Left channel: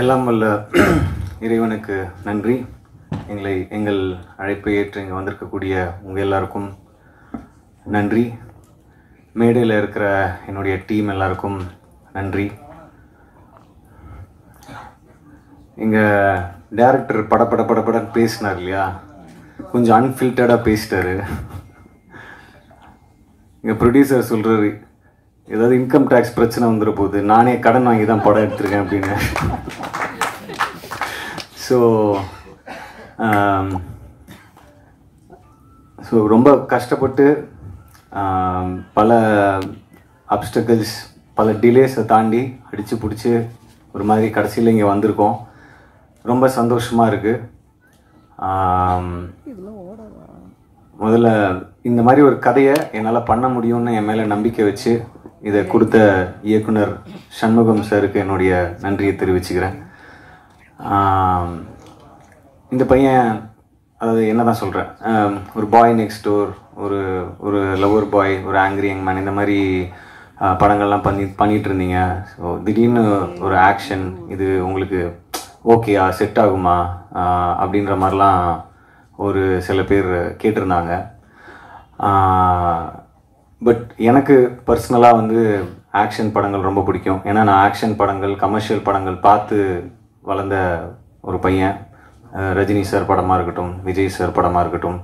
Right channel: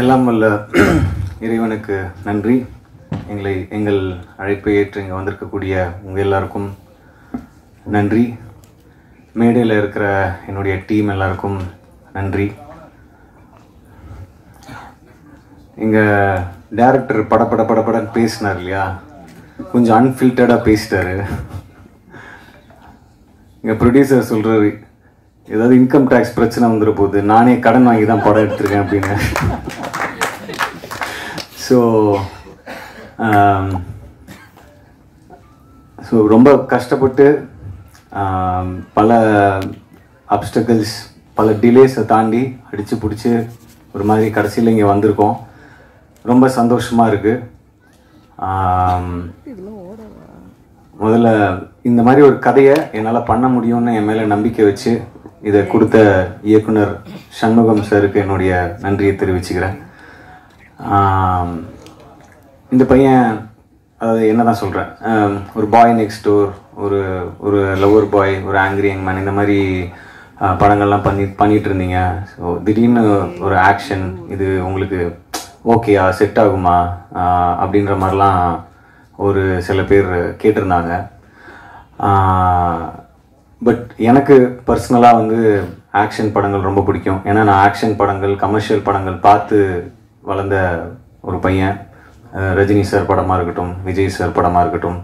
எல்லாம் வல்ல இறைவனுக்கு நன்றி. எங்கள் அழைப்பை ஏற்று இங்கே வந்திருக்கக்கூடிய உங்கள் எல்லாருக்கும் நன்றி. மேடையில் இருக்கிற என்னுடைய டீம் எல்லாருக்கும் நன்றி. எங்கள் டைரக்டர் படப்படன்னு பேசினார் இல்லையா, கொஞ்சம் அன்ஃபில்டர்டாக பேசிட்டாரு. எங்கள் ப்ரொடியூசர் சொல்கிறாரு, ஏதாவது இன்கம் டேக்ஸ் பிரச்சனை வந்துட போகுது, நானே கடன் வாங்கி தான் படம் எடுத்திருக்கேன் அப்படின்னு. ஸோ ரொம்ப கஷ்டப்பட்டு பல அப்டக்கிள்ஸ், பல டிலேஸை தாண்டி அடித்து பிடிச்சி ஒரு மாதிரி கடைசியில் இங்கே வந்திருக்கோம். ரொம்ப சந்தோஷமாக இருக்குது. முதல்ல இந்த மாதிரி ஒரு கதையை என்னால் பண்ண முடியும்னு என் மேலே நம்பிக்கை வச்சு இதை கொடுத்த இயக்குனர் சண்முகம் சாருக்கு என்னுடைய நன்றியை தெரிவிச்சுக்கிறேன். இந்த பையன், அதாவது என்ன தான் சொல்கிறேன், ஒரு பாய் நெக்ஸ்ட் டோர், ஒரு லவர் பாய், ஒரு ஆங்கிரி யங் மேன், இந்த மாதிரி படங்கள்லாம் பண்ணிகிட்டு இருந்தீங்க. ஸோ திடீர்னு ஒரு ஆக்ஷன், இது உங்களுக்கு ஓகேயா, செட் ஆகுமா அப்படின்ற மாதிரிலாம் ஒரு சில பேர் கேட்டிருந்தாங்க. பட் எனக்கு பர்சனலாக வந்து ஆக்ஷன் படங்கள் ரொம்ப பிடிக்கும். ஏன்னா நான் ஆக்ஷன் படங்கள், கமர்ஷியல் படங்கள் பார்த்து வளர்ந்த ஒரு பையன். ரஜினி சார் படமாக இருக்கட்டும், விஜய் சார் படமாக இருக்கட்டும்,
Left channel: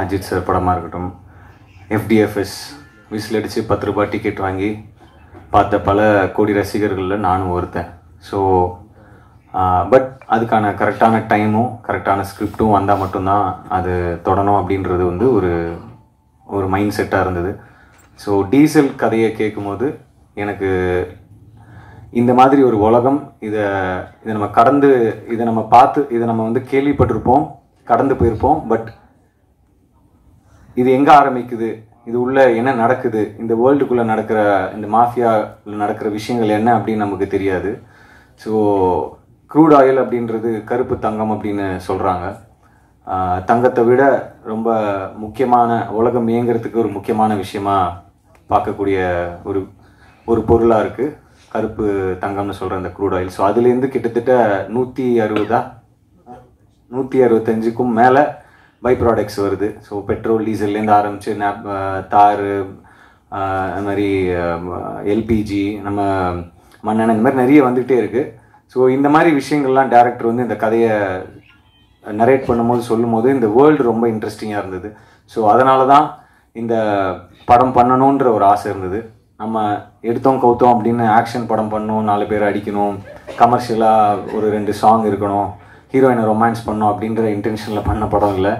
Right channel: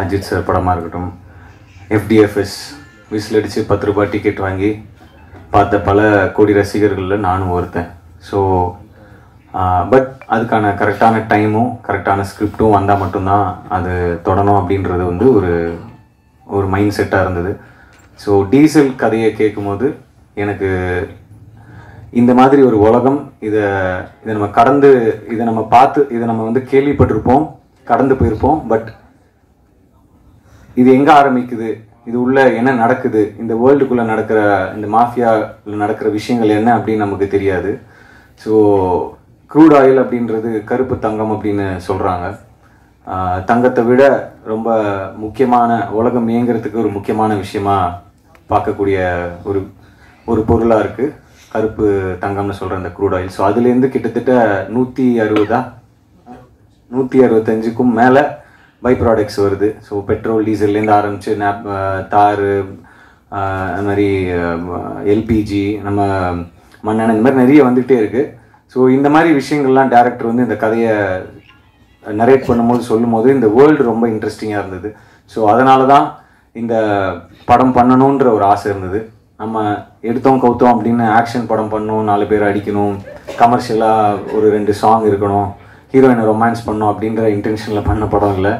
அஜித் சார் படமாக இருக்கட்டும், FDFS விசில் அடித்து 10 ரூபாய் டிக்கெட் வாங்கி பார்த்த பல கோடி ரசிகர்களில் நானும் ஒருத்தன். ஸோ பட் அதுக்கான கரெக்டான டைமும் கரெக்டான ஸ்கிரிப்டும் வந்தால் மட்டும்தான் அது தொடணும் அப்படின்றது வந்து ஒரு மைண்ட் செட்டாக இருந்தது. ஸோ டீசல் கதையை கேட்கும்போது எனக்கு இந்த மாதிரி ஒரு உலகம், இதை நம்ம கடந்து, இதை நம்ம பார்த்து, இதை நம்ம வந்து கேள்விப்பட்டிருப்போம், கடந்து போயிருப்போம். பட் இது எங்கே ஆரம்பிக்குது, இது உள்ள என்ன நடக்குது, இந்த வேர்ல்டுக்குள்ளே நடக்கிற, இந்த மாஃபியாவில் நடக்கிற விஷயங்கள் என்ன அப்படின்னு நமக்கு தெரியாது. ஸோ க்ரூட் ஆயில் அப்படின்றது கருப்பு தங்கம் அப்படின்னு சொல்கிறாங்க. தங்கத்தை விட ரொம்ப முக்கியமான, உலகம் இயங்கிறதுக்கு ஒரு முக்கியமான விஷயமா பார்க்கக்கூடிய ஒரு பொருளாக இருக்குது கருப்பு தங்கம்னு சொல்கிற இந்த க்ரூட் ஆயில். ஸோ அதுலேருந்து கிட்டத்தட்ட 165க்கும் மேலே பை ப்ராடக்ட்ஸ் வருது. ஸோ பெட்ரோல், டீசல்லேருந்து ஆரம்பித்து தார், அந்த மாதிரி LPG, நம்ம மண்ணெண்ணெய், இந்த மாதிரி நிறைய வந்துகிட்டே இருக்குது. ஸோ இந்த மாதிரி விஷயங்கள்லாம் டைரக்டர் வந்து இந்த கதையை நரேட் பண்ணும்போது, சொல்லும்போது இந்த வேர்ல்டு ரொம்ப இன்ட்ரெஸ்டிங்காக இருந்தது. ஸோ அதனால தான் இந்த படம் பண்ணணுன்ற ஒரு ஆசை இருந்தது. நம்ம எடுத்தோம் கவுத்தோம் அப்படின்னு ஆக்ஷன் படம் பண்ணணும், 4 பேர் அடிக்கணும், கமர்ஷியலாக ஒரு 2 சாங் இருக்கணும், ஹீரோயினை ரொமான்ஸ் பண்ணணும் அப்படின்ற இன்டென்ஷனில் பண்ண படம் இல்லை.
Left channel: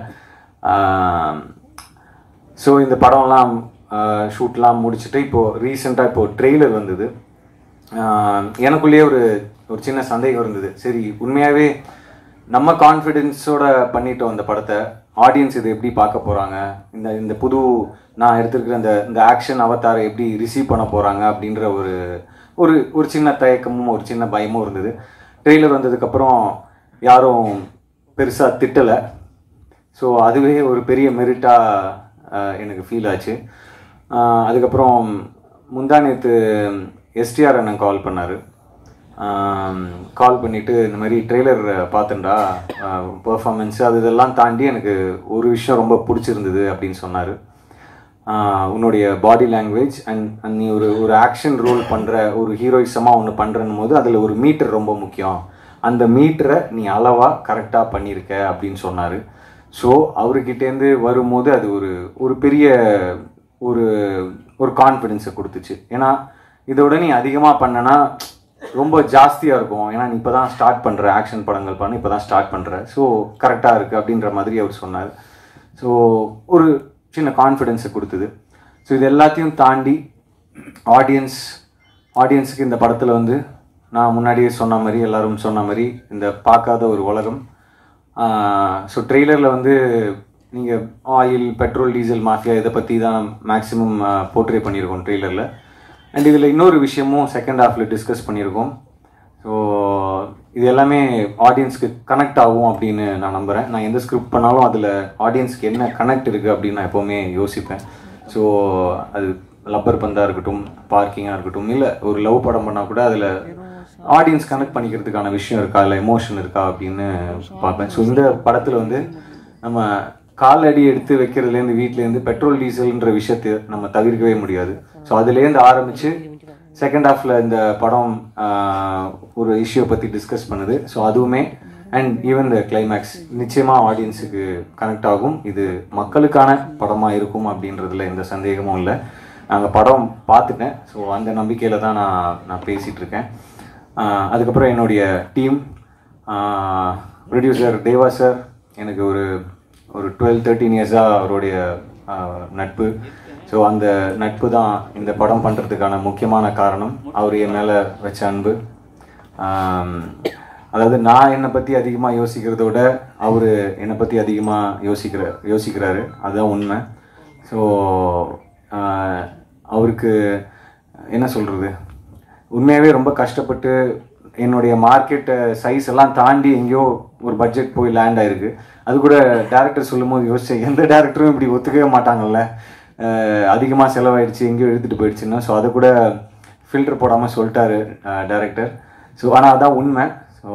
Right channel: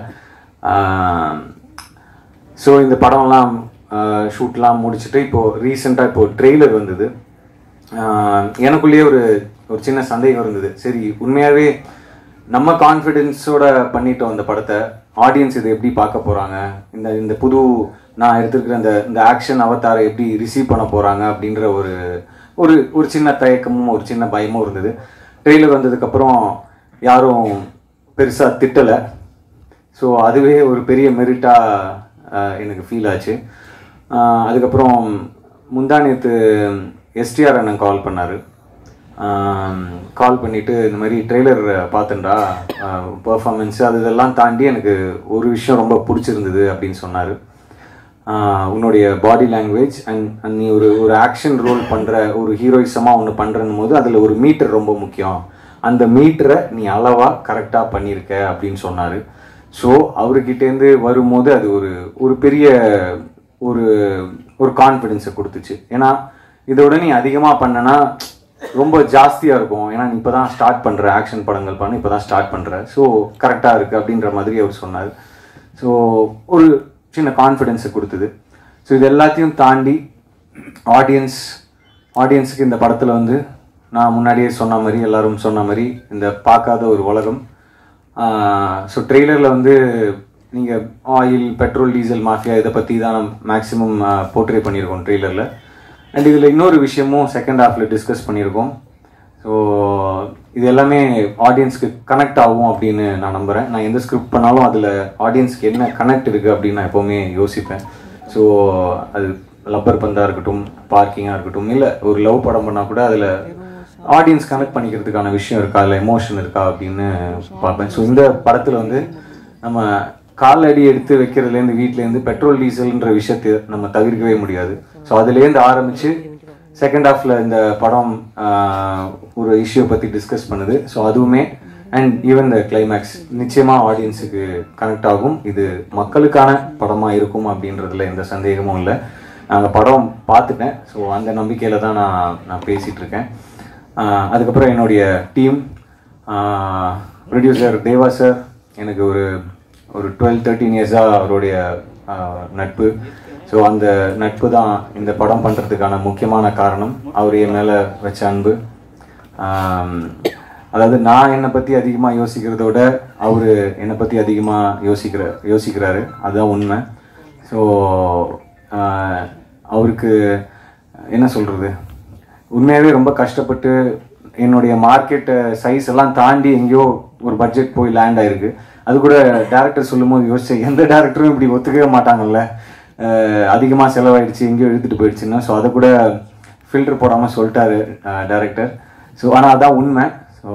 ஸோ இந்த படம்லாம் ஷூட்லாம் முடிச்சுட்டு இப்போது ரீசெண்டாக இப்போது ட்ரெய்லர் வந்தது. எனக்குள்ளேயே ஒரு சின்ன சந்தேகம் இருந்தது. சரி, உண்மையாகவே நம்ம கான்ஃபிடென்ஸோட பண்ணிட்டோம் அந்த படத்தை, ஆடியன்ஸ் இதை எப்படி பார்க்க போகிறாங்க, இந்த புது நான் எடுத்துருக்கிற இந்த ஆக்ஷன் அவதாரை எப்படி ரிசீவ் பண்ண போகிறாங்க அப்படின்ற ஒரு சின்ன தயக்கமும் ஒரு சின்ன பயமும் இருந்தது. ட்ரெய்லர் வந்ததுக்கப்புறம் யாரும் பெருசாக திட்டலை. ஸோ அதுவே ஒரு பெரிய மெரிட்டாக எனக்கு ஃபீல் ஆச்சு. அதுக்கப்புறம் முந்தானேத்து STR அண்ணன் கால் பண்ணார். கால் பண்ணிவிட்டு இந்த மாதிரி ட்ரெய்லர் பார்த்துண்டா, பர்ஃபார்மன்ஸு அது இதெல்லாம் தாண்டி எனக்கு ஒரு விஷயம் ரொம்ப பிடிச்சிருந்தது அப்படின்னு சொன்னார். உன்னுடைய பாடி லாங்குவேஜ் அண்ட் நீ ஒரு ஆக்ஷன் ரோல் பண்ணுற, ஒரு ஹீரோயிசமாக ஒன்று பண்ணுறன்னும் போது அதில் ஒரு மீட்டர் ரொம்ப முக்கியம், அந்த மீட்டரை நீ அளவாக கரெக்டாக பண்ணியிருக்க அப்படின்னு சொன்னார். ஸோ அவர்கிட்டேருந்து வரும்போது அது ஒரு பெரிய ஒரு கான்ஃபிடென்ஸை கொடுத்துச்சு. ஏன்னா இதோட நீ அதிகமாக பண்ணனா ரொம்ப ஜாஸ்தியாக இருக்கும். ஏன்னா நீ இப்போ தான் ஸ்டார்ட் பண்ணுற, ஆக்ஷன் படங்கள் பண்ண இப்போ தான் ஸ்டார்ட் பண்ணுற, ஸோ கரெக்டாக இருக்குது அப்படின்ற மாதிரி அவர் சொன்னார். ஸோ ஒரு சின்ன கான்ஃபிடென்ஸை கொடுத்தது. ஸோ இது எல்லாத்தையும் தாண்டி ஆடியன்ஸுக்கு இந்த படத்தில் வந்து நான் முன்னாடியே சொன்ன மாதிரி, எல்லோரும் சொன்ன மாதிரி, இந்த பார்க்காத ஒரு உலகம். ஸோ ட்ரெய்லரில் வந்து நீங்கள் ஆயில், பெட்ரோல், டீசல், மாஃபியா இதை பற்றி தான் மேக்ஸிமம் போர்ட்ரே பண்ணியிருக்கோம் ட்ரெய்லரில். அண்ட் இதில் இன்னொரு விஷயமும் செகண்ட் ஹாஃபில் டிஸ்கஸ் பண்ணியிருக்கோம். ஸோ இது எல்லாமே ஆடியன்ஸ்க்கு கனெக்ட் ஆகும் அப்படின்னு நான் நம்புகிறேன். நான் எந்த ஸ்கிரிப்ட் பண்ணாலும் அதில் ஆடியன்ஸ்க்கு என்ன கனெக்ட் இருக்குது அப்படின்னு நான் எப்போவுமே யோசிப்பேன். ஸோ அது லப்பர் பந்தாக இருக்கட்டும், பார்க்கிங்காக இருக்கட்டும், இல்லை ஒரு லவ் படம் பண்ணால் கூட அதில் ஆடியன்ஸ் கனெக்ட் பண்ணிக்கிறதுக்கான விஷயம் இருக்கா, இல்லை எமோஷன் இருக்கா அப்படின்னு பார்ப்பேன். ஸோ இந்த படத்தில் வந்து நம்ம காலடி எடுத்து வைக்கிறதுலேருந்து வீட்டிலேருந்து பெட்ரோல் டீசல்ன்ற விஷயத்தை நம்ம தவிர்க்கவே முடியாது. ஸோ அதுலேருந்து ஆரம்பித்து செகண்ட் ஹாஃபில் இந்த படம் ஒரு இஷ்யூ பற்றி டிஸ்கஸ் பண்ணுது. ஸோ அதுவுமே அண்ட் ஈவன் த கிளைமேக்ஸ் நிச்சயமாக ஆடியன்ஸுக்கு கனெக்ட் ஆகும். இது மக்களுக்கான படமாக இருக்கும் அப்படின்றதுல எந்த சந்தேகமும் இல்லை. நாங்கள் படம் பார்த்துட்டேன். ஸோ அந்த நம்பிக்கையில் தான் நான் பேசிகிட்டு இருக்கேன். அதுக்கப்புறம் என்னுடைய டீம், ப்ரொடியூசர் தேவா சார், எனக்கு ஒரு 12-13 இயர்ஸாக அவருடைய நட்பு. ஸோ அந்த நட்பு தான் இந்த படம் பண்ணுறதுக்கான முக்கியமான காரணம். அவர் என் மேலே வச்ச அன்பு. அதாவது நான் என்னை பற்றி அதிகமாக யோசிக்கிறதோட அவர் என்னை பற்றி அதிகமாக யோசிக்கிறாரு. அதுதான் உண்மை. ஸோ அவருக்கு என்ன சொல்கிறது, உண்மையாகவே ரொம்ப கஷ்டப்பட்டு என்னுடைய மார்க்கெட் சைஸ் எல்லாம் தாண்டி எங்கேயோ ஒரு பட்ஜெட் போய் லேண்ட் ஆயிருக்கு. அது கூட டேரக்டர் சொல்லும் போது யோசிச்சேன், எந்த டேரக்டரும் இப்படி ஒத்துக்கவே மாட்டாங்கல்ல, அதிகமாக செலவாயிடுச்சு எங்கேயோ எடுத்துகிட்டு போயிடுச்சுன்னா. ஸோ அதை கூட ஃபில்டர் போடாமல் சொல்லிட்டாரு டேரக்டர். ஸோ ஆனால் அதான் உண்மை. ஸோ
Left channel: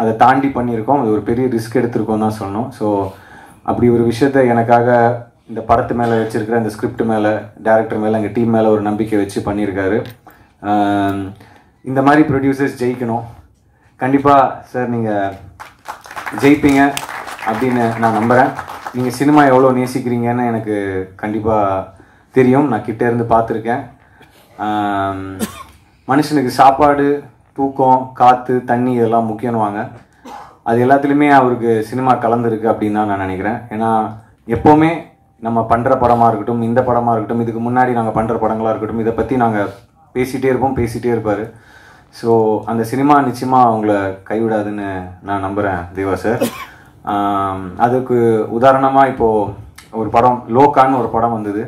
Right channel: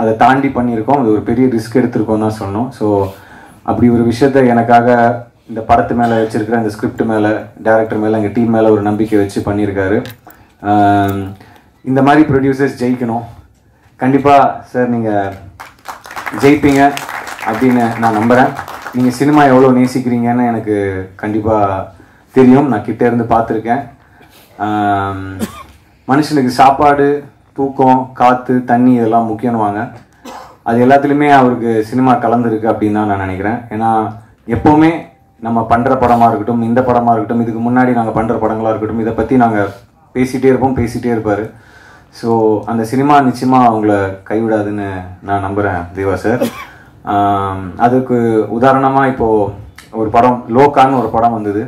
அதை தாண்டி பண்ணியிருக்கோம். அது ஒரு பெரிய ரிஸ்க் எடுத்திருக்கோம் தான் சொன்னோம். ஸோ அப்படி ஒரு விஷயத்த எனக்காக இந்த படத்து மேலே வச்சிருக்கிற இந்த ஸ்கிரிப்ட் மேலே, டேரக்டர் மேலே, எங்கள் டீம் மேலே ஒரு நம்பிக்கை வச்சு பண்ணியிருக்காரு. இந்த மாதிரி ப்ரொடியூசர்ஸ் ஜெயிக்கணும். கண்டிப்பாக சார் நீங்கள் ஜெயிப்பீங்க அப்படின்னு நான் நம்புகிறேன். நீங்கள் சினிமா எவ்வளோ நேசிக்கிறீங்கன்னு எனக்கு கண்டிப்பாக தெரியும். நான் கிட்டே இருந்து பார்த்துருக்கேன். மனுஷனுக்கு சாப்பாடு, தூக்கம், காற்று, தண்ணி இதெல்லாம் முக்கியம்வாங்க. அது எல்லாத்துலேயுமே அவருக்கு சினிமா கலந்துருக்கு அப்படின்னு தான் நான் நினைக்கிறேன். ஏன்னா எப்போவுமே நம்ம பண்ணுற படமாக இருக்கட்டும், இந்த படமாக இருக்கட்டும், இதுக்கு முன்னாடி நாங்கள் பண்ணுற படங்களாக இருக்கட்டும், இதை பற்றி நாங்கள் பேசிகிட்டே இருப்பார். ஸோ அந்த சினிமா நிச்சயமாக அவங்கள கைவிடாதுன்னு நான் நம்புகிறேன் தேவா சார். அதுக்கு உதாரணமாக இப்போது ஒரு படம் லோகான்னு ஒரு படம் வந்தது.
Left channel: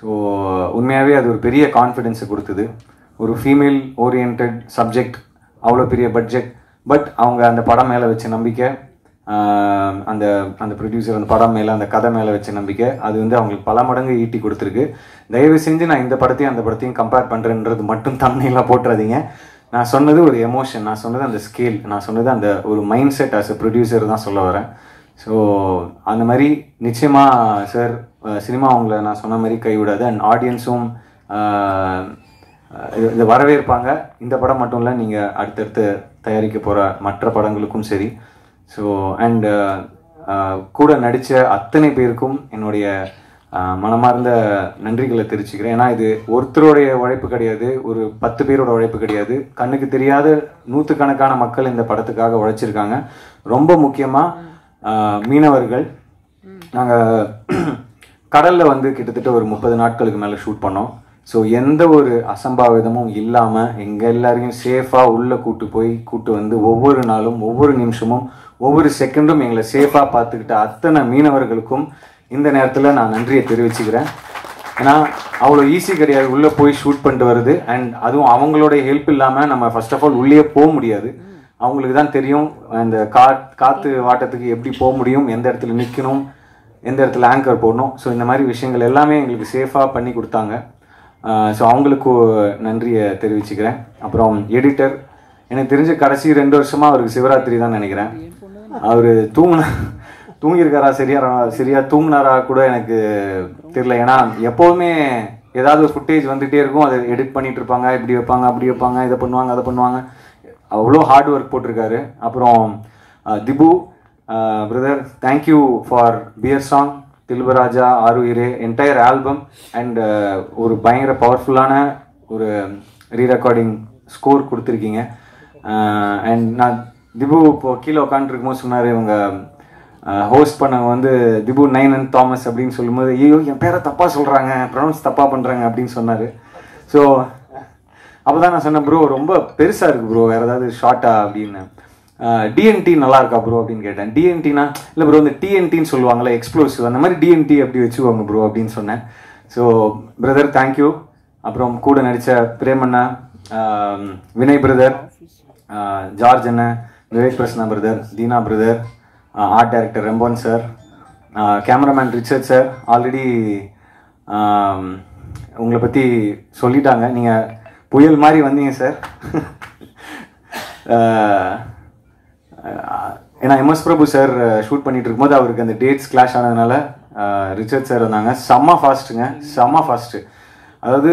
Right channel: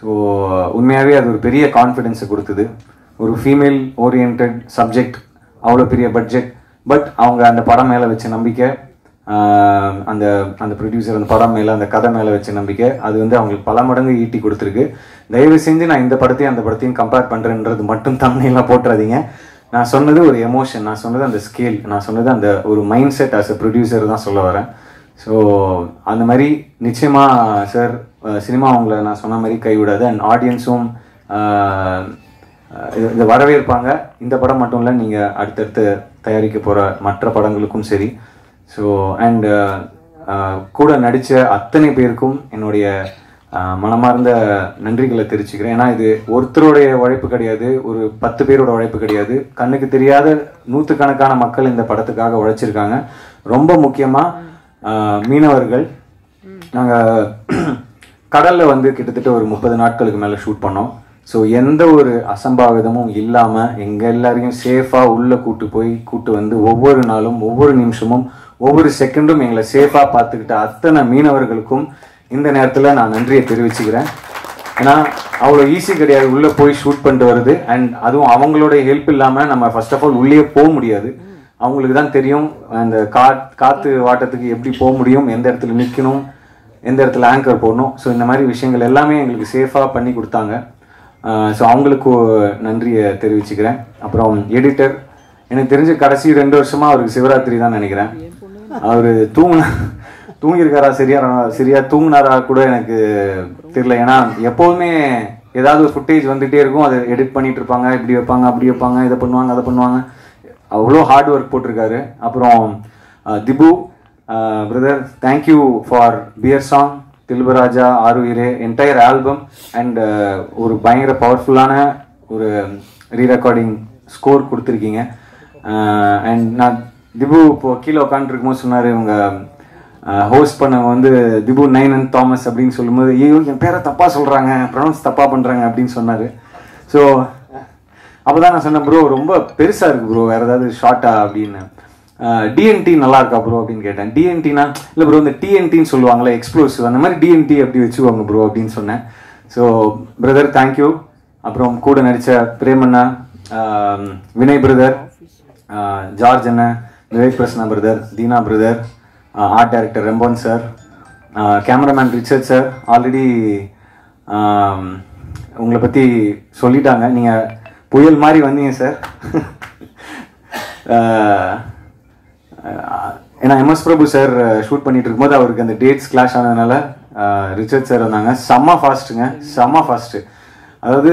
ஸோ உண்மையாகவே அது ஒரு பெரிய கான்ஃபிடென்ஸை கொடுத்தது. ஒரு ஃபீமேல் ஓரியன்ட் சப்ஜெக்ட், அவ்வளோ பெரிய பட்ஜெட், பட் அவங்க அந்த படம் மேலே வச்ச நம்பிக்கை, அந்த அந்த ப்ரொடியூசர் அந்த படம் மேலே, அந்த கதை மேலே வச்ச நம்பிக்கை, அது வந்து அவங்களுக்கு பல மடங்கு ஈட்டி கொடுத்துருக்கு. தயவு செஞ்சு நான் இந்த படத்தையும் அந்த படத்தையும் கம்பேர் பண்ணுறேன்றது மட்டும் தம்ப்நெயிலாக போட்டுறாதீங்க. நான் சொன்னது ஒரு எமோஷன், நான் சொன்னது அந்த ஸ்கேல், நான் சொன்னது அந்த ஒரு mind set as a producer தான் சொல்ல வரேன். ஸோ அந்த மாதிரி நிச்சயமாக சார் சினிமா அவங்கள நான் சொன்ன மாதிரி கைவிடாது. அண்ட் ஆடியன்ஸும் இதை வரவேற்பாங்க. இந்த படம் மட்டும் இல்லை, நீங்கள் அடுத்தடுத்து தயாரிக்க போகிற மற்ற படங்களுக்கும் சரி. ஸோ அண்ட் கூட நடித்த அத்தனை பேருக்கும் என்னுடைய மனமார்ந்த நன்றிகளை தெரிவிச்சுக்கிறேன். ஏன்னா இது ஒருத்தருடைய உழைப்பு கிடையாது, ஒரு 10 பேரோட உழைப்பு கிடையாது. கண்ணுக்கு தெரியாத நூற்றுக்கணக்கான மக்கள் இந்த படத்துக்காக உழைச்சிருக்காங்க. ரொம்ப முக்கியமாக மீனவர்கள். நாங்கள் கடலில் வந்து கிட்டத்தட்ட ஒரு 30 நாட்களுக்கு மேலே ஷூட் பண்ணோம். ஸோ எந்த ஒரு அசம்பாவிதமும் இல்லாமல் எங்கள் எல்லாரையும் சேஃபாக உள்ளே கூட்டு வந்து ஒவ்வொரு நாளும், ஒவ்வொரு நிமிஷமும், ஒவ்வொரு செகண்டும் எங்களை சேஃபாக பார்த்துக்கிட்ட அத்தனை மீனவர்களுக்கும் இந்த நேரத்தில் நான் நன்றியை தெரிவிச்சுக்கிறேன். ஏன்னா அவ்வளோ ஈஸி கிடையாது உள்ளே போய் ஷூட் பண்ணிட்டு வருது. அண்ட் அதுவும் அவங்களுடைய ஹெல்ப் இல்லாமல் நம்ம ஃபர்ஸ்ட் ஆஃப் ஆல் உள்ளே போக முடியாது. அவங்களுக்கு தான் தெரியும் அந்த காற்று வாட்டத்துக்கு எப்படி போக முடியும், எந்த இடத்துல நிற்கணும், எந்த இடத்துல ஆங்கர் போடணும். ஸோ இந்த மாதிரி விஷயங்கள் எல்லாமே எங்களுக்கு சேஃபாக பண்ணி கொடுத்தாங்க. ஸோ அவங்களுக்கு நன்றியை தெரிவிச்சுக்கிறேன். அப்புறம் எடிட்டர், எனக்கு தெரிஞ்ச கடைசி 2 வருஷமாக அவருக்கு சிவராத்திரி தான் நினைக்கிறேன். அவர் தூங்கியிருக்காரா, சரியா தூங்கினாரா கூட எனக்கு தெரியல. ஏன்னா எப்போதுமே ஏதாவது ஒரு ஃபுட்டேஜ் வந்துகிட்டே இருக்கும், அதை எடிட் பண்ணிட்டு இருப்பாங்க, இப்படி வைப்பாங்க, அப்படி வைப்பாங்க, இதை பண்ணுவாங்க, அதை பண்ணுவாங்க. அவ்வளோ ஹார்ட் ஒர்க் போட்டிருக்காரு. அப்புறம் Dhibu brother, thank you for beer song, தில்பராஜா, ஆருயிரே, என்டையர் ஆல்பம் அண்ட் ஒரு பயங்கர பவர்ஃபுல்லான ஒரு ரீரெக்கார்டிங் ஸ்கோர் கொடுத்துருக்கீங்க. அண்ட் நான் திபு இப்போ கீழே உட்காந்துருக்கும்போது சொன்னார், இவங்க ஹோஸ்ட் பண்ண வந்து திபு நைனன் தாமஸ் அப்படின்னு சொல்லும்போது, ஐயோ என் பேரை தப்பாக சொல்கிறாங்க, ப்ரொனவுன்ஸ் தப்பாக பண்ணுறாங்க அப்படின்னு சொன்னார். ஸோ அப்போ தான் நான் சொன்னேன், ப்ரோ ரொம்ப பெருசாக இருக்குது ப்ரோ, வேறு ஏதாவது ஷார்ட்டா அப்படின்னு. டிஎன்டி நல்லா இருக்கா ப்ரோ அப்படின்னு கேட்டேன். டிஎன்டினா இல்லை ப்ரோ, இந்த டிஎன்டின்னு சொல்லுவாங்களே எக்ஸ்ப்ளோசிவ், அந்த மாதிரி டிஎன்டி அப்படி வச்சுக்கோங்க ப்ரோ அப்படின்னு சொன்னேன். So brother thank you. அப்புறம் கூட நடித்த பிரேமண்ணா, வினய் பிரதர், ஜார்ஜ் அண்ணன், Vivek Prasanna brother, Deena brother, art director Remban sir, cameraman Richard sir. Already உங்களை பற்றி சொல்லிட்டாங்க, நீங்கள் புயல் மாதிரி வந்தீங்க சார். ஏன்னா எம்எஸ் பிரபு சார் ஷூட் பண்ணிட்டு இருக்கும்போது அவருக்கு அந்த டேட்ஸ் கிளாஷ் ஆனதுனால ரிச்சர்ட் சார் வந்தாங்க. செம்ம ஃபாஸ்ட்டுங்க, செம்ம ஃபாஸ்ட்டு. அதாவது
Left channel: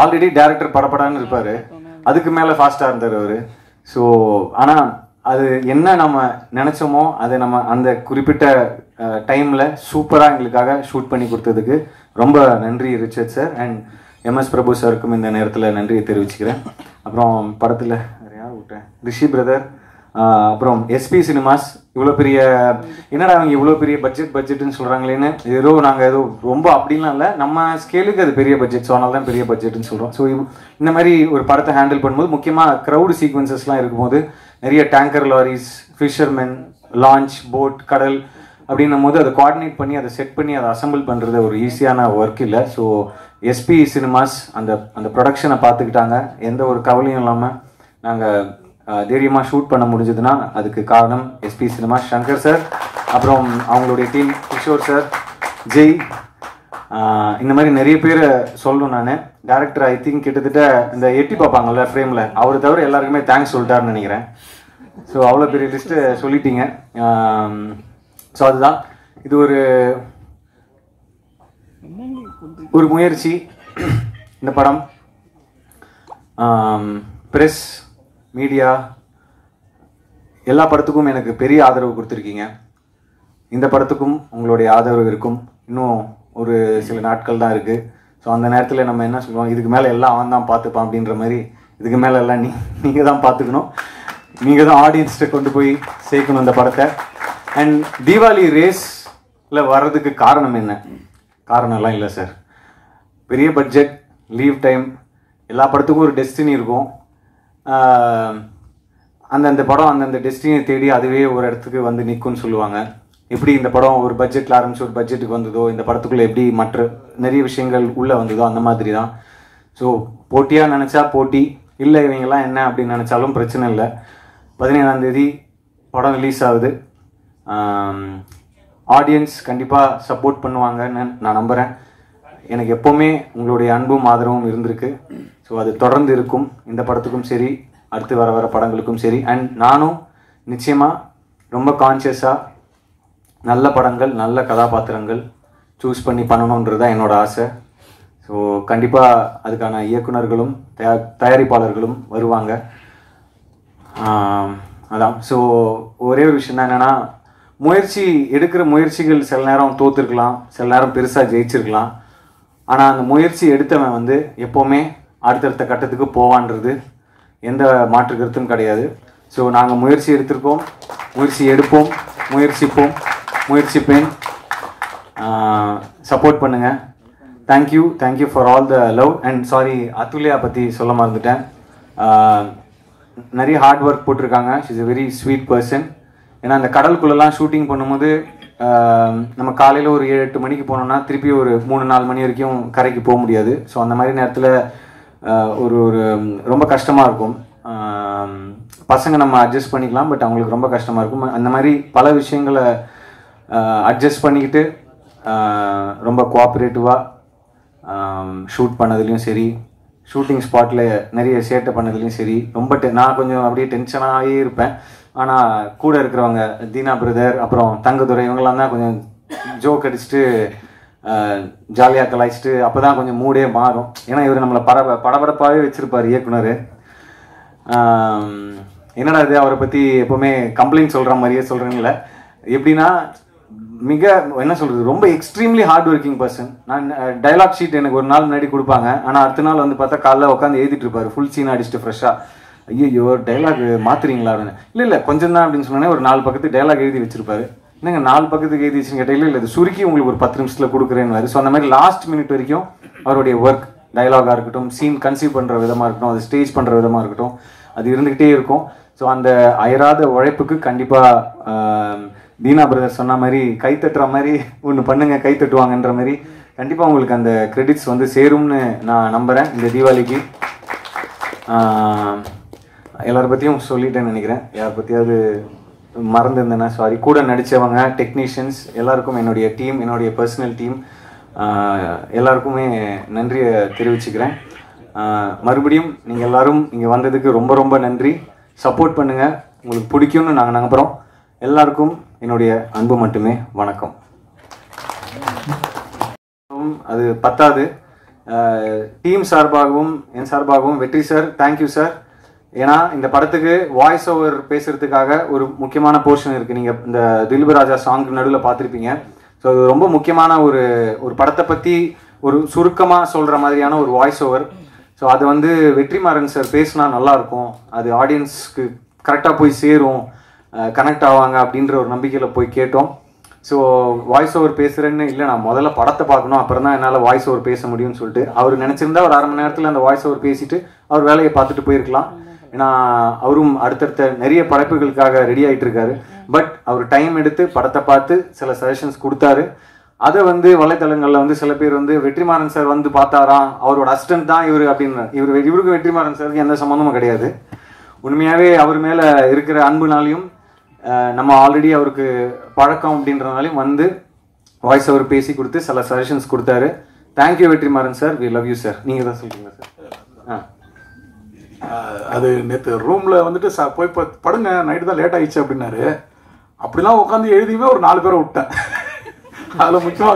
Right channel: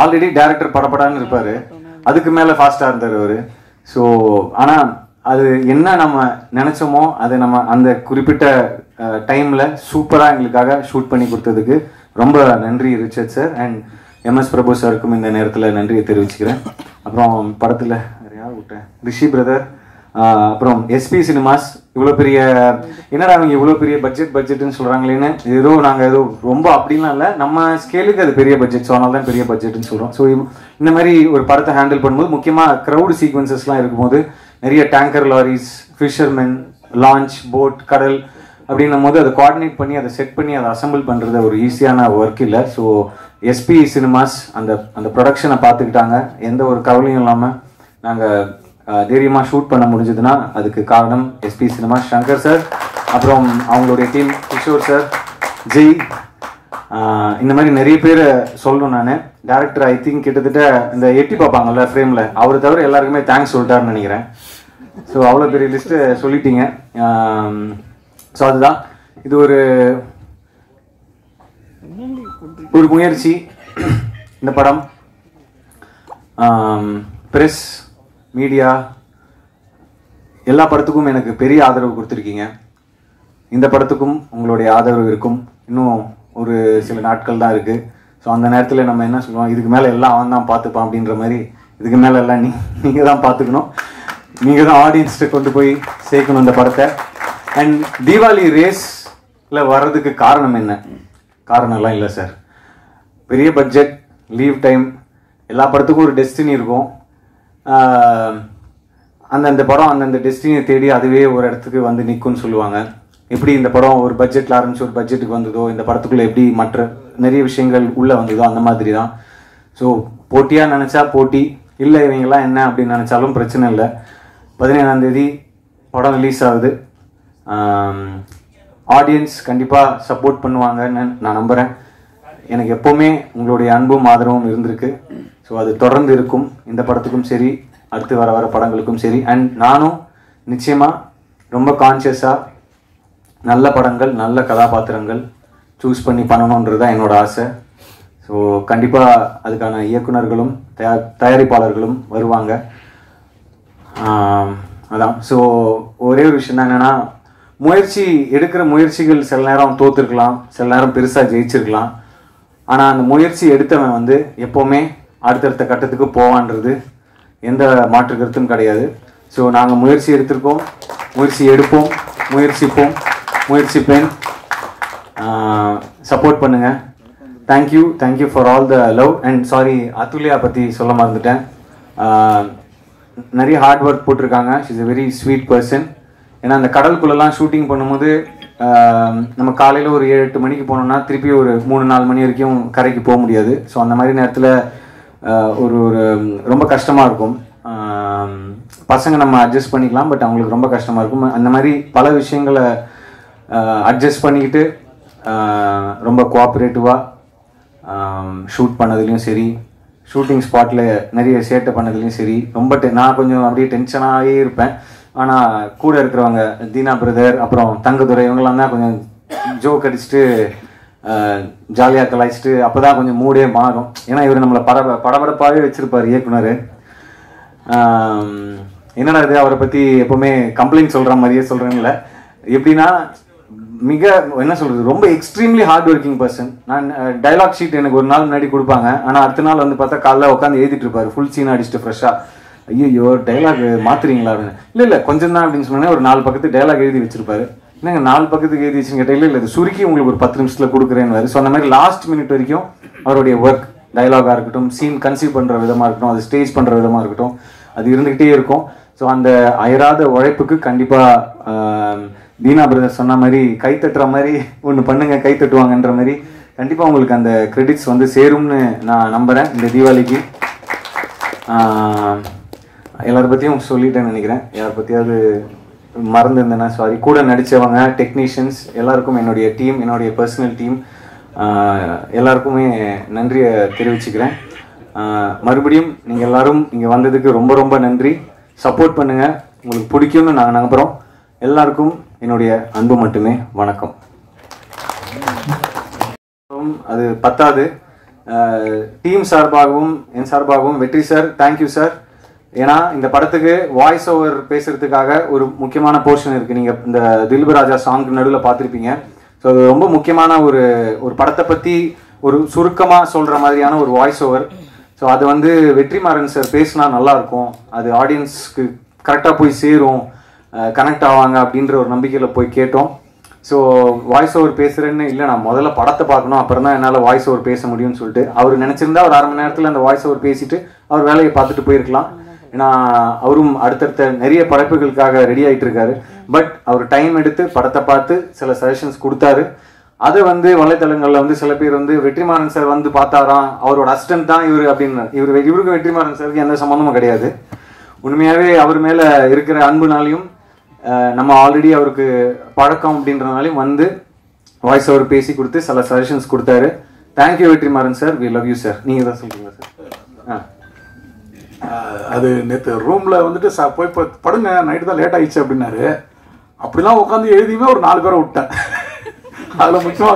ஆல்ரெடி டேரக்டர் படப்படான்னு இருப்பார், அதுக்கு மேலே ஃபாஸ்ட்டாக இருந்தார் அவர். ஸோ ஆனால் அது என்ன நம்ம நினச்சோமோ அதை நம்ம அந்த குறிப்பிட்ட டைமில் சூப்பராக எங்களுக்காக ஷூட் பண்ணி கொடுத்ததுக்கு ரொம்ப நன்றி ரிச்சர்ட் சார். அண்ட் எம்எஸ் பிரபு சாருக்கும் இந்த நேரத்தில் நன்றியை தெரிவிச்சுக்கிறேன். அப்புறம் படத்தில் யார் விட்டேன், ரிஷி பிரதர், அப்புறம் எஸ்பி சினிமாஸ். இவ்வளோ பெரிய என்னடா அவங்க இவ்வளோ பெரிய பட்ஜெட்னு சொல்கிறாங்களேன்னு, ஏதோ நாங்கள் ஏதோ ரொம்ப அப்படின்லாம் இல்லை, நம்ம ஸ்கேலுக்கு அது பெரிய பட்ஜெட், ஸோ அதனால தான் பெரிய பட்ஜெட்னு சொல்கிறோம். ஸோ இந்த மாதிரி ஒரு படத்தை ஹேண்டில் பண்ணும்போது முக்கியமாக க்ரௌடு சீக்வன்சஸ்லாம் இருக்கும்போது நிறைய tanker loris, fishermen, launch, boat, கடல் அப்படின்னும் போது அதை கோஆர்டினேட் பண்ணி அதை செட் பண்ணி அதை அசம்பிள் பண்ணுறது ஒரு ஈஸியான ஒர்க் இல்லை. ஸோ எஸ்பி சினிமாஸ் அந்த ப்ரொடக்ஷனை பார்த்துக்கிட்டாங்க. எந்த ஒரு கவலையும் இல்லாமல் நாங்கள் தைரியமாக ஷூட் பண்ண முடிஞ்சதுன்னா அதுக்கு காரணம் எஸ்பி சினிமா, சங்கர் சார், அப்புறம் அவங்களுடைய டீம், கிஷோர் சார், ஜெய், இந்த மாதிரி நிறைய பேரை சொல்லணும். நான் டேரக்டர் ஐ திங்க் கிட்டத்தட்ட இந்த எட்டி பார்ப்பாங்கல்ல ஃப்ரேமில், அவரை தவிர எல்லாருக்குமே தேங்க்ஸ் சொல்லிட்டாருன்னு நினைக்கிறேன். ஸோ அவ்வளோ பெரிய லிஸ்ட்டு சொல்லிட்டீங்க. ஸோ அதுதான் இது ஒரு முயற்சி. இந்த படம் ப்ரெஸ், மீடியா எல்லா படத்துக்கும் எனக்கு பெரிய ஆதரவு கொடுத்துருக்கீங்க. இந்த படத்துக்கும் உங்களுடைய ஆதரவு இருக்கும். இன்னும் ஒரு சில நாட்கள் தான் இருக்குது. ஸோ அந்த நேரத்தில் நம்ம என்ன சொல்லுவோம், இதுக்கு மேலே எல்லாம் அவன் தான் பார்த்துப்பான் அப்படின்ற மாதிரி, இதுக்கு மேலே எல்லாம் நீங்கள் தான் பார்த்துக்கணும், நீங்கள் தான் ஆடியன்ஸ்கிட்ட கொண்டு போய் சேர்க்கணும் இந்த படத்தை. அண்ட் தீபாவளி ரேஸில் வர்றதுக்கு காரணம் என்ன? காரணம்லாம் இல்லை சார். பெரிய பட்ஜெட், லீவ் டைம், எல்லா படத்துக்கும் ஒரு டெஸ்டினி இருக்கும். அந்தந்த படம் அந்தந்த டெஸ்டினியை தேடி அதுவே ஒரு இடத்துக்கு வந்து நிற்கும்னு சொல்லுவாங்க. எப்படி இந்த படம் ஒரு பட்ஜெட்டில் ஆரம்பிச்சு ஒரு பட்ஜெட்டுக்கு வந்ததோ, இந்த படத்துக்குள்ளே எப்படி மற்ற நிறைய விஷயங்கள் உள்ளே வந்ததோ அந்த மாதிரி தான். ஸோ போட்டியாக நினச்சா போட்டி, இல்லை இவங்கெல்லாம் என்ன அப்படின்னு நினச்சாலும் பிரச்சனை இல்லை. 17ஆம் தேதி படம் ரிலீஸ் ஆகுது. ஆடியன்ஸ் கண்டிப்பாக சப்போர்ட் பண்ணுவாங்கன்னு நான் நம்புகிறேன். எனக்கு எப்போவுமே உங்களுடைய அன்பும் ஆதரவும் இருந்திருக்கு. ஸோ அது தொடர்ந்து இருக்கும், இந்த படத்துக்கும் சரி, அடுத்து வர படங்களுக்கும் சரி. அண்ட் நானும் நிச்சயமாக ரொம்ப கான்ஷியஸாக நல்ல படங்கள், நல்ல கதாபாத்திரங்கள் சூஸ் பண்ணி பண்ணணுன்றது தான் என்னோட ஆசை. ஸோ கண்டிப்பாக அதுக்கான இயக்குனர்களும் தயாரிப்பாளர்களும் வருவாங்க. அதான். ஸோ ஒரே ஒரு விஷயம் தான் என்னென்னா, எடுக்கிற முயற்சிகள் சில நேரம் தோற்றுருக்கலாம், சில நேரம் பெருசாக ஜெயிச்சிருக்கலாம். ஆனால் அந்த முயற்சி எடுத்தவன் வந்து எப்போவுமே அடுத்தடுத்த கட்டத்துக்கு போவான்றது எந்த மாற்று கருத்தும் கிடையாது. ஸோ நாங்கள் முயற்சி எடுத்திருக்கோம், முயற்சி எடுப்போம், முயற்சிப்பேன். சப்போர்ட் பண்ணுங்கள். Thank you for all the love. And sorry, Athulya பற்றி சொல்ல மறந்துட்டேன். நிறைய ஹார்ட் ஒர்க் போட்டிருக்காங்க. She is a very sweet person. ஏன்னா அந்த கடலுக்குள்ளெல்லாம் ஷூட்டிங் பண்ணும்போது நம்ம காலையில் ஒரு 7-8 மணிக்கு போனோம்னா திருப்பி ஒரு 3-4 மணி வரைக்கும் கரைக்கு போக முடியாது. ஸோ அந்த மாதிரி நேரத்தில் ஒரு ரொம்ப கஷ்டமாக இருக்கும். பசங்க நம்ம அட்ஜஸ்ட் பண்ணிக்கலாம், பட் அவங்களுக்கு ரொம்ப கஷ்டமாக இருக்கும். அந்த மாதிரி பல விஷயங்களை அட்ஜஸ்ட் பண்ணிக்கிட்டு ரொம்ப கோஆப்ரேட்டிவாக ஷூட் பண்ணதுலேயும் சரி, ஷூட்டிங் ஸ்பாட்டில் நிறைய சேட்டை பண்ணதுலேயும் சரி, ரொம்ப நான் கொஞ்சம் அப்படியே டென்ஷனாகவே இருப்பேன். ஆனால் கூட இருக்கிறவங்க தீனா பிரதர், அப்புறம் தங்கதுரை, இவங்கெல்லாம் தான் கொஞ்சம் ஜோக் அடிச்சுட்டு ஜாலியாக கலாய்ச்சிட்டு அப்போ தான் கொஞ்சம் மூடே மாறும். ஏன்னா இவர் நம்மளை படபடப்பாகவே வச்சுருப்பார் இயக்குனர். என்னடா இது அவரை பற்றி எப்போவுமே கம்ப்ளைண்ட் சொல்கிற மாதிரியே சொல்கிறேன்ல. எப்படின்னா மிக என்ன சொல்கிறது, ரொம்ப எக்ஸ்ட்ரீம்லி ஹார்ட் ஒர்க்கிங் பர்சன். நான் டைலாக் ஷீட் எனக்கு ஒரு நாள் முன்னாடி கொடுப்பாங்க. ஆனால் அடுத்த நாள் வந்து பார்த்தா காலைல உட்காந்து எழுதிட்டு இருப்பார், ஃபுல் சீன் அடிச்சுட்டு ஃப்ரெஷ்ஷாக. ஐயோ டைலாக் மாற்றுறீங்களா அப்படின்னு. இல்லை கொஞ்சம் தான் அப்படின்னு சொன்னேன். ஒரு 4 பக்கத்துக்கு டைலாக் எழுதி வச்சிருப்பாரு. என்னங்க 4 பக்கத்துக்கு எழுதி வச்சுன்னு கேட்டால், இல்லை இது சுருக்கி உங்களுக்கு ஒரு 10 நிமிஷத்தில் கொடுக்குறேன்னு. ஸோ அந்த மாதிரி லாஸ்ட் மினிட் வரைக்கும் அவருடைய ஒர்க், டைலாகாக இருக்கட்டும், சீன் கன்சீவ் பண்ணுற விதமாக இருக்கட்டும், அது ஸ்டேஜ் பண்ணுற விதமாக இருக்கட்டும், அது இருந்துக்கிட்டே இருக்கும். ஸோ அந்த அயராத உழைப்புக்கு கண்டிப்பாக தீனா பிரதர் சொன்ன மாதிரி கை தட்டுற மாதிரி ஒன்று பண்ணுங்க, கை தட்டுவாங்கன்ற மாதிரி கண்டிப்பாக உங்களுக்கு அந்த கிரெடிட்ஸ் வந்து சேரும்னு நான் நம்புகிறேன். இந்த தீபாவளிக்கு எல்லாரை பற்றியும் சொல்லிட்டேன்னு நினைக்கிறேன். யாரை பற்றியாவது மறந்துருந்தேன்னா சாரி. கூட நடித்தவங்க, டெக்னீஷியன்ஸ் எல்லாருக்கும், என்னுடைய டீம், என்னுடைய பர்சனல் டீம் எல்லாருக்குமே நன்றியை தெரிவிச்சுக்கிறேன். மறுபடியும் நீங்கள் எல்லாரும் இங்கே வந்ததுக்கு ரொம்ப ரொம்ப நன்றி. சப்போர்ட் பண்ணுங்க, உங்களுக்கு பிடிக்கும்னு நாங்கள் நம்புகிறோம். எல்லாருக்கும் என்னுடைய அன்பு மட்டுமே. வணக்கம். அது பத்தாது, டீம் சார்பாகவும் என் சார்பாகவும் வெற்றி சார், தேங்க்யூ சார். ஏன்னா இந்த படத்துக்கு வாய்ஸ் ஓவர் பேசுறதுக்காக ஒரு முக்கியமான போர்ஷன் இருக்கு. நீங்க இந்த திலீப் ராஜா சாங் நடுவில் பார்த்துருப்பீங்க. ஸோ அது ரொம்ப முக்கியமான ஒரு படத்தை பத்தி ஒரு சுருக்கமா சொல்ற மாதிரியான ஒரு வாய்ஸ் ஓவர். ஸோ அது வந்து வெற்றிமாறன் சார் பேசினா நல்லா இருக்கும், அது ஆடியன்ஸ்க்கு கரெக்டாக போய் சேரும், கனெக்ட் ஆவாங்க அப்படின்ற ஒரு நம்பிக்கையில் போய் கேட்டோம். ஸோ வாய்ஸ் ஓவர் பேசுகிறேன்னு இல்லை, நான் முதல்ல படத்தை பார்க்கணும், அப்புறம் தான் என்னால் வாய்ஸ் ஓவர் பேச முடியும்னு சொல்லிட்டு அவர் நினச்சிருந்தா ஒரு அரை மணி நேரத்தில் அந்த வாய்ஸ் ஓவர் பேசிட்டு அவர் வேலையை பார்த்துட்டு போயிருக்கலாம். ஏன்னா அவரும் அடுத்தடுத்த நிறைய படைப்புகளுக்காக ரெடி ஆகிட்டு இருக்காரு. பட் அவர் டைம் எடுத்து படத்தை பார்த்து சில சஜஷன்ஸ் கொடுத்தாரு. அதை வந்து வலைத்தளங்களில் வந்து சில பேர் வந்து வெற்றிமாறன் சார் வந்து பார்த்தாராம், அவரோட அசிஸ்டன்ட் தான் இவர் அப்படின்னு. இவருக்கும் வெற்றிமாறன் சாருக்கு எந்த சம்மந்தமும் கிடையாது. உண்மையாகவே அவர் மேலே இருக்கிற அன்புனாலையும் நம்ம ஆல்ரெடி அவருக்கு பழக்கம் அப்படின்றனாலையும் வந்து வாய்ஸ் ஓவர் பேசி கொடுத்து சில சஜஷன்ஸ் கொடுத்தாரு. Thank you Vetrimaaran sir, we love you sir. நீங்கள் தான் சொல்றீங்க சார். அது நேற்று ரூமில் வந்துட்டு போய் படுங்க, நைட்டு தான் லேட் ஆயிடுச்சு அப்படின்னாரு. அப்படிலாம் உட்காந்து எழுதியுமே ஒரு 4 பேரை விட்டேன். அதில் முக்கியமாக